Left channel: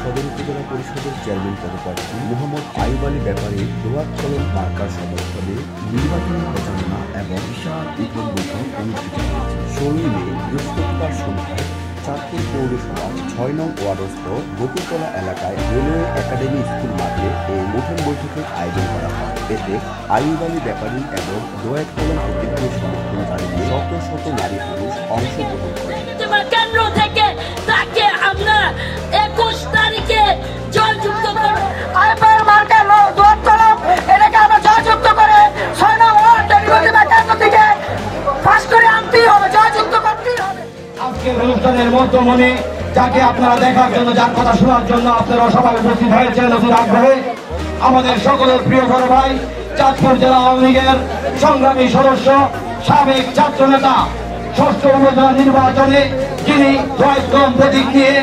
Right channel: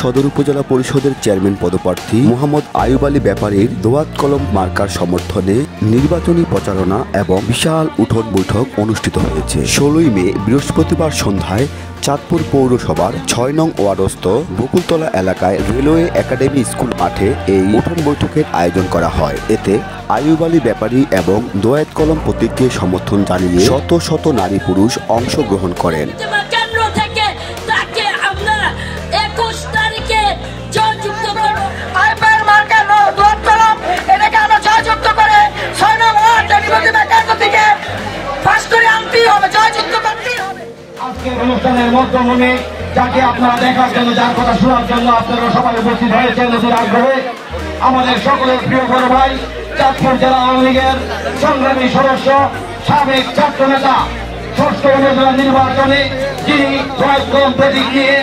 সদর উপজেলা পরিষদের চেয়ারম্যান পদপ্রার্থী মোহাম্মদ আইয়ুব আলী ব্যাপারীর দোয়াত কলম মার্কার সমর্থনে নির্বাচনী প্রচারণা এবং বিশাল উঠোন বৈঠক অনুষ্ঠিত হয়েছে। 16 মে বৃহস্পতিবার সন্ধ্যায় চাঁদপুর পৌরসভার 6 নং ওয়ার্ডস্থ বকুলতলা এলাকায় রেলওয়ে একাডেমি স্কুল মাঠে এই উঠোন বৈঠকের আয়োজন করা হয়। এতে আইয়ুব আলী ব্যাপারী এবং দোয়াত কলম প্রতীককে সমর্থন জানিয়ে শত শত নারী পুরুষ অংশগ্রহণ করেন। অনুষ্ঠানের মধ্যমণি যাকে আপনারা দেখার জন্য, যার কথা শোনার জন্য আপনারা সবাই উপস্থিত হয়েছেন আগ্রহে, আমাদের সকলের প্রিয় বড় ভাই, চাঁদপুর জেলা আওয়ামী লীগের সংগ্রামী সদস্য, সাবেক ছাত্র নেতা, 6ষ্ঠ উপজেলা নির্বাচনে যিনি দোয়াত কলম প্রতীক নিয়ে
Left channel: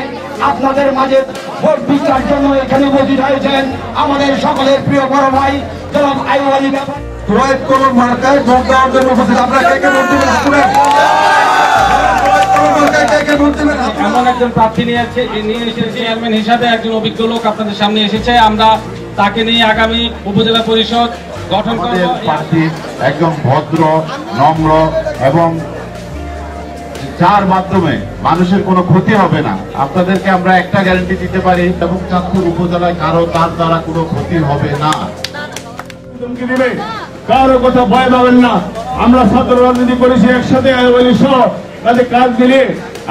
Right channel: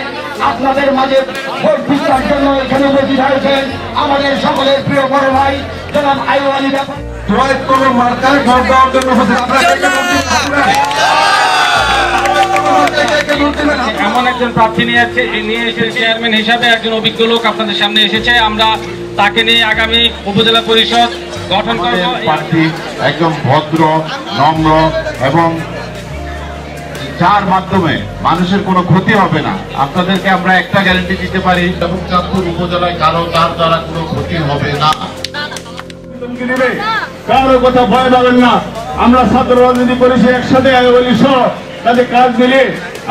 আপনাদের মাঝে ভোট ভিক্ষার জন্য এখানে উপস্থিত হয়েছেন আমাদের সকলের প্রিয় বড় ভাই জনাব আইয়ুব আলী ব্যাপারী। দোয়াত কলম মার্কায় ভোট দেওয়ার জন্য এমন একজন প্রার্থী নিয়ে এসে চেয়ারম্যান হিসাবে একজন অভিজ্ঞ লোক আপনাদের সামনে এসেছে। আমরা তাকে নিয়ে আগামী উপজেলা পরিষদ গঠন করব। প্রার্থী একদম ভদ্র, নম্র এবং যার মাধ্যমে মানুষের কোনো ক্ষতি হবে না, আপনাদেরকে আমরা একটা গ্যারান্টি দিতে পারি, এবং চাঁদপুর উপজেলায় কারো তার দ্বারা কোনো ক্ষতি হবে না। কারো কথা ভয় পাবেন না। আমরা ছাত্র রাজনীতি করেছি একসাথে, আইয়ুব আলী সহ তাদের কাজ মিলে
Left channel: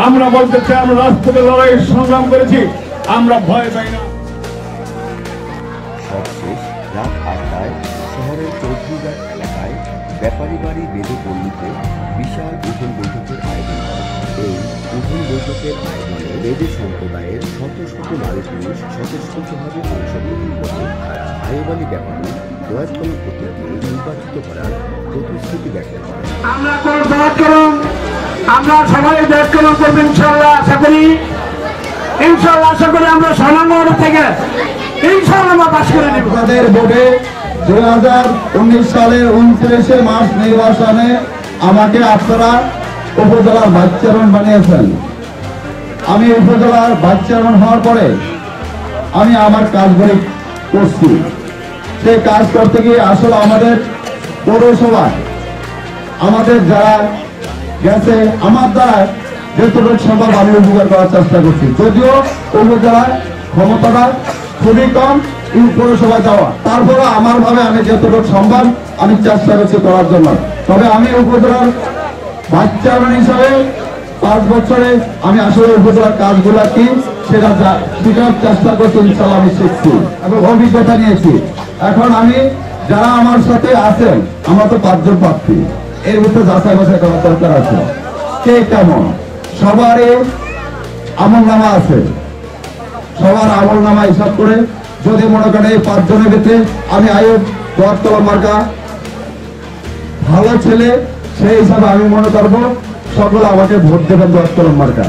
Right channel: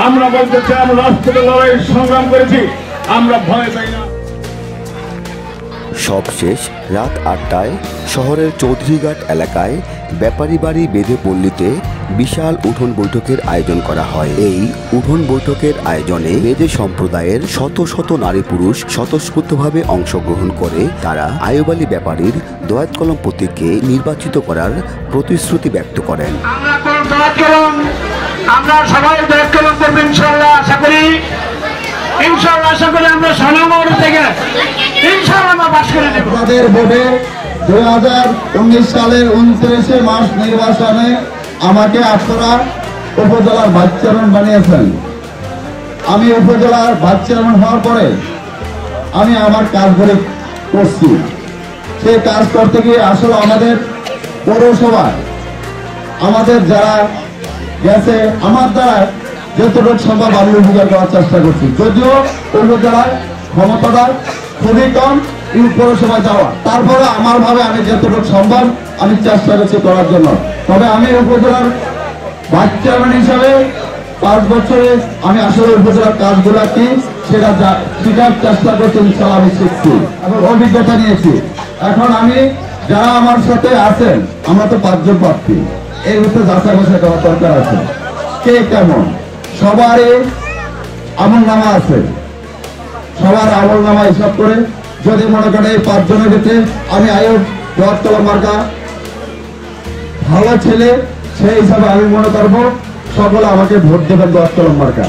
আমরা বলতে চাই আমরা রাষ্ট্রীয় লড়াই সংগ্রাম করেছি, আমরা ভয় পাই না। সবশেষ রাত 8টায় শহরের চৌধুরীঘাট এলাকায় ব্যাপারী বাড়ি বেঁধে পল্লীতে বিশাল উঠোন বৈঠকের আয়োজন করা হয়। এই উঠোন বৈঠকের আয়োজনে বেদে সম্প্রদায়ের শত শত নারী পুরুষ স্বতঃস্ফূর্তভাবে অংশগ্রহণ করে তারা আইয়ুব আলী ব্যাপারীর দোয়াত কলম প্রতীককে নির্বাচিত করার প্রতিশ্রুতি ব্যক্ত করেন। আমরা সবাই দোয়াত কলম করবো ইনশাআল্লাহ, আশা করি আমরা সোনামোড় থেকে ইনশাআল্লাহ পাস করে নেব। আমাদের ভোটে 2019 সালের 29 মার্চ নির্বাচনে আমাকে আপনারা উপজেলার ভাইস চেয়ারম্যান বানিয়েছেন। আমি উপজেলার ভাইস চেয়ারম্যান হওয়ার পরে আমি আমার কাজগুলি করছি। সেই কাজ করতে গিয়ে আসলে আমাদের পৌরসভায় আমাদের যারা গেছে আমার দ্বারা যতটুকু সম্ভব আমি উপকার করার চেষ্টা করছি, যদিও উপজেলায় ক্ষমতাটা খুবই কম পৌরসভায় যাওয়া, তারপরে আমার ভাবে আমি যতটুকু সম্ভব আমি চেষ্টা করছি করার জন্য। তবে আমি উপজেলার ভাইস চেয়ারম্যান হিসাবে 5 বছরে আমি আসলে উপজেলার কাজগুলা কি সেটা শেখার চেষ্টা করছি, ইনশাআল্লাহ আমি শিখছি এবং অভিজ্ঞতা নিয়েছি। এখন আমি যারা আমার সাথে আছেন, আমরা তো 5 জন প্রার্থী, এর ভিতরে যাচাই বাছাই করার দরকার আছে কে কেমন। সবারই আমলনামা আছে, সবার আমলনামা হিসাব করে যদি মনে করেন এই 5 জনের ভিতরে আমি আইয়ুব দোয়াত কলম মার্কা ভালো ছেলে, সেই হিসাবে আমি মনে করবো সকলে আমাকে ভোট দেবেন দোয়াত কলম মার্কা।